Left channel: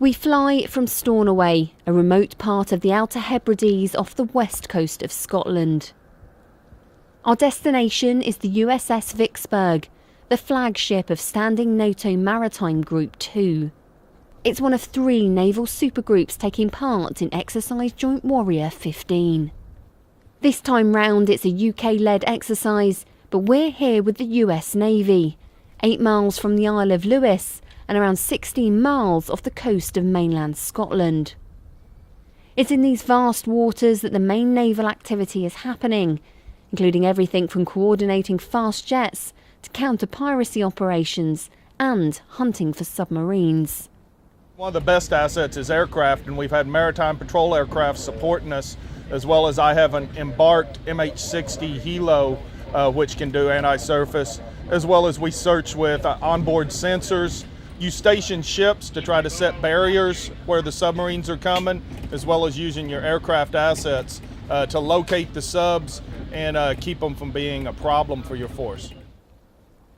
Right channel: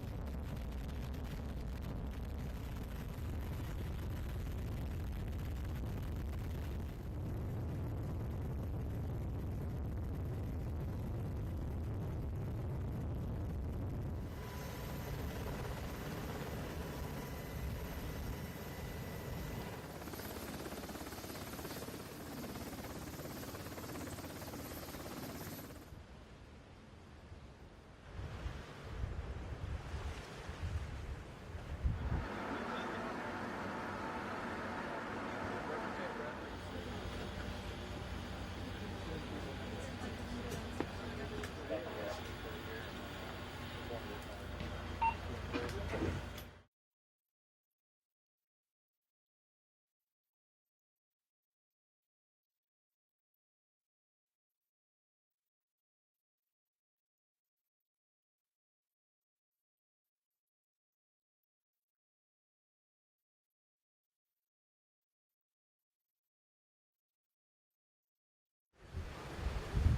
We fly from Stornoway, a remote part of the Outer Hebrides off the west coast of Scotland. Our destination is the USS Vicksburg, the flagship of Standing NATO Maritime Group 2. It's one of 3 naval supergroups taking part in Exercise Joint Warrior 15. This time round it's a UK-led exercise, but we're here with the US Navy, 8 miles from the Isle of Lewis and around 16 miles off the coast of mainland Scotland. It's in these vast waters that the main naval activity is happening, including everything from coordinating fast jets to counter-piracy operations and hunting for submarines. One of the best assets is aircraft, and we've had maritime patrol aircraft supporting us, as well as I have an embarked MH-60 Helo, which can do anti-surface, as well as we search with onboard sensors, use station ships to try to set barriers where the submarines are coming, as well as using your aircraft assets to locate the subs and keep them from being a problem for your force.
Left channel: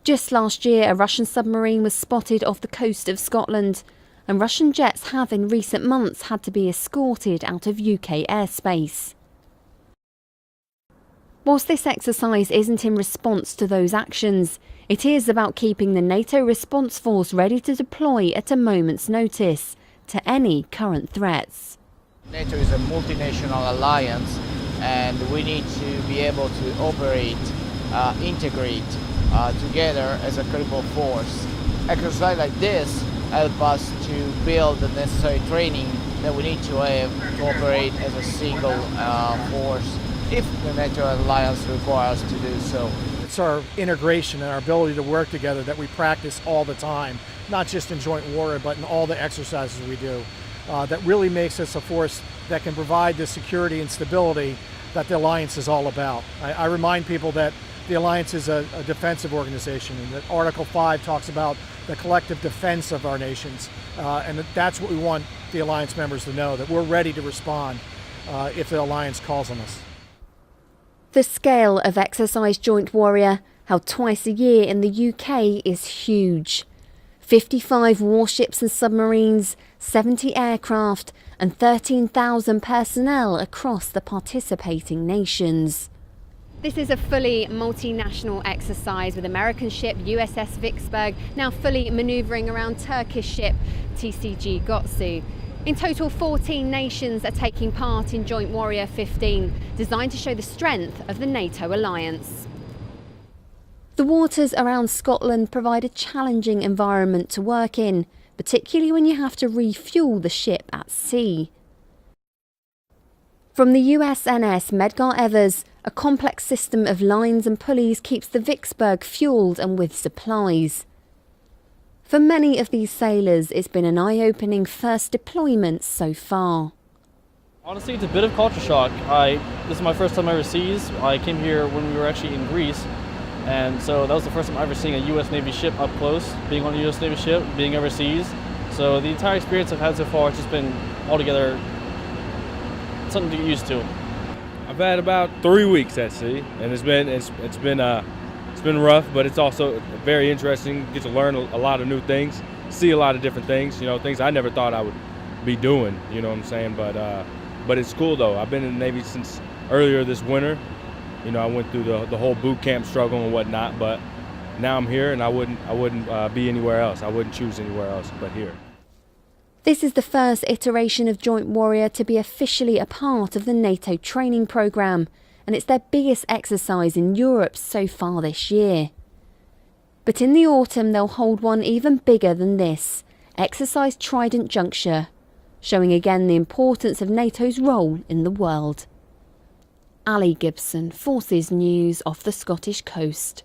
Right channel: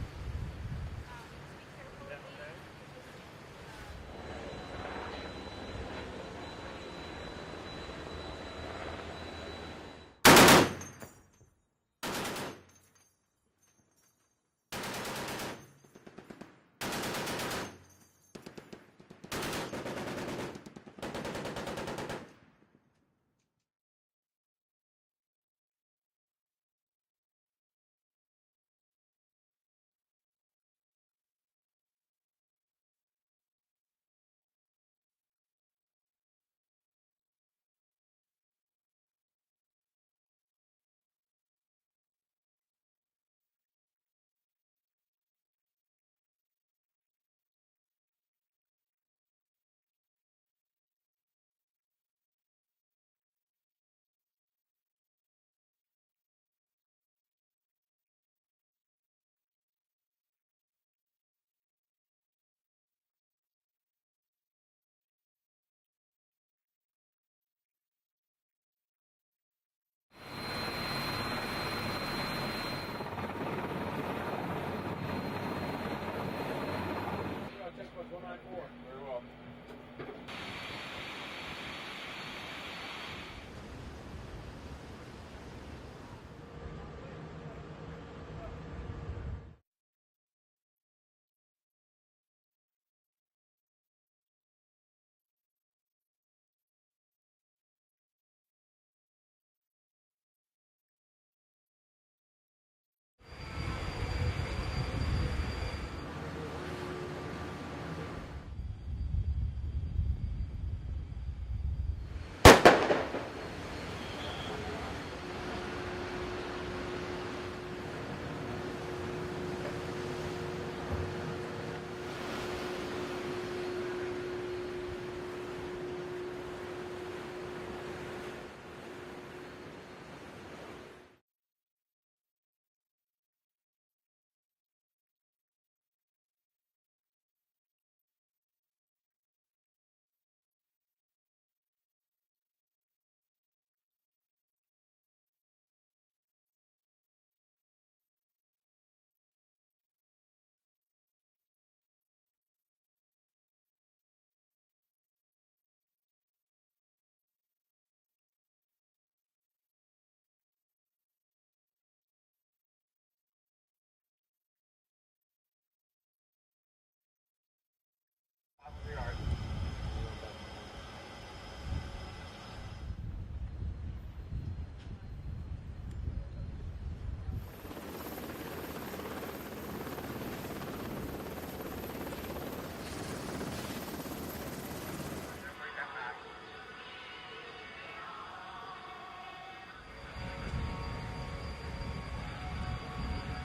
Just last year, a Russian submarine was spotted off the coast of Scotland, and Russian jets have in recent months had to be escorted out of UK airspace. Whilst this exercise isn't in response to those actions, it is about keeping the NATO response force ready to deploy at a moment's notice to any current threats. NATO is a multinational alliance, and we need to be able to operate, integrate together as a critical force. Exercise like this help us to build the necessary training that we need to have to operate as a single force if the NATO alliance requires us to do so. It's our integration and our ability to work together that we practice all the time, not just in joint warrior, but in all the exercises we do, that really makes us a force that can provide the security and stability that the alliance is all about. I remind people that the alliance is a defensive organization, and that Article 5 talks about the collective defense of our nations, and that's what we want the alliance members to know, that we're ready to respond if the alliance calls on us. The scale of Exercise Joint Warrior, held twice a year in the UK, is huge. 55 warships and submarines, 70 aircraft and 13,000 personnel across the participating nations. This is a fully multinational exercise with American ship USS Vicksburg now fully manoeuvring around Turkish ship TCG Gotsu. In total, 14 nations are taking part in Joint Warrior 15, designed to show the strength of the NATO alliance. The waters around Scotland provide a challenging environment to work in, particularly when you have to refuel the ship at sea. From the USNS Medgar Evers, a complex system of lines and pulleys keeps the Vicksburg fuelled and with supplies. For many of these sailors, it's been an eye-opening first deployment so far. Honestly, it's a bit of culture shock. This is my first time overseas. I came here when we were actually in Greece, and so that was the first time ever seeing a U.S. Navy ship up close, being on a U.S. Navy ship, being overseas. So the entire experience I've had so far has just been altogether something to get used to. I've had about 3 weeks at sea, and it's been rough, but it's also very interesting. Get to learn a lot of new things, see a lot of different things, things I never thought I would be doing, you know what I'm saying? But it's cool though. I've been in the Navy since earlier this winter. I went through the whole boot camp struggle and whatnot, but now I'm here, and I wouldn't be anywhere else. I wouldn't choose anywhere else but here. This is the first iteration of Joint Warrior to be officially a part of the NATO training programme, and it's their biggest exercise in Europe so far this year. But in the autumn they'll hold one even bigger than this, Exercise Trident Juncture, showing again the importance of NATO's role in the world. Ali Gibson, Forces News, off the Scottish coast.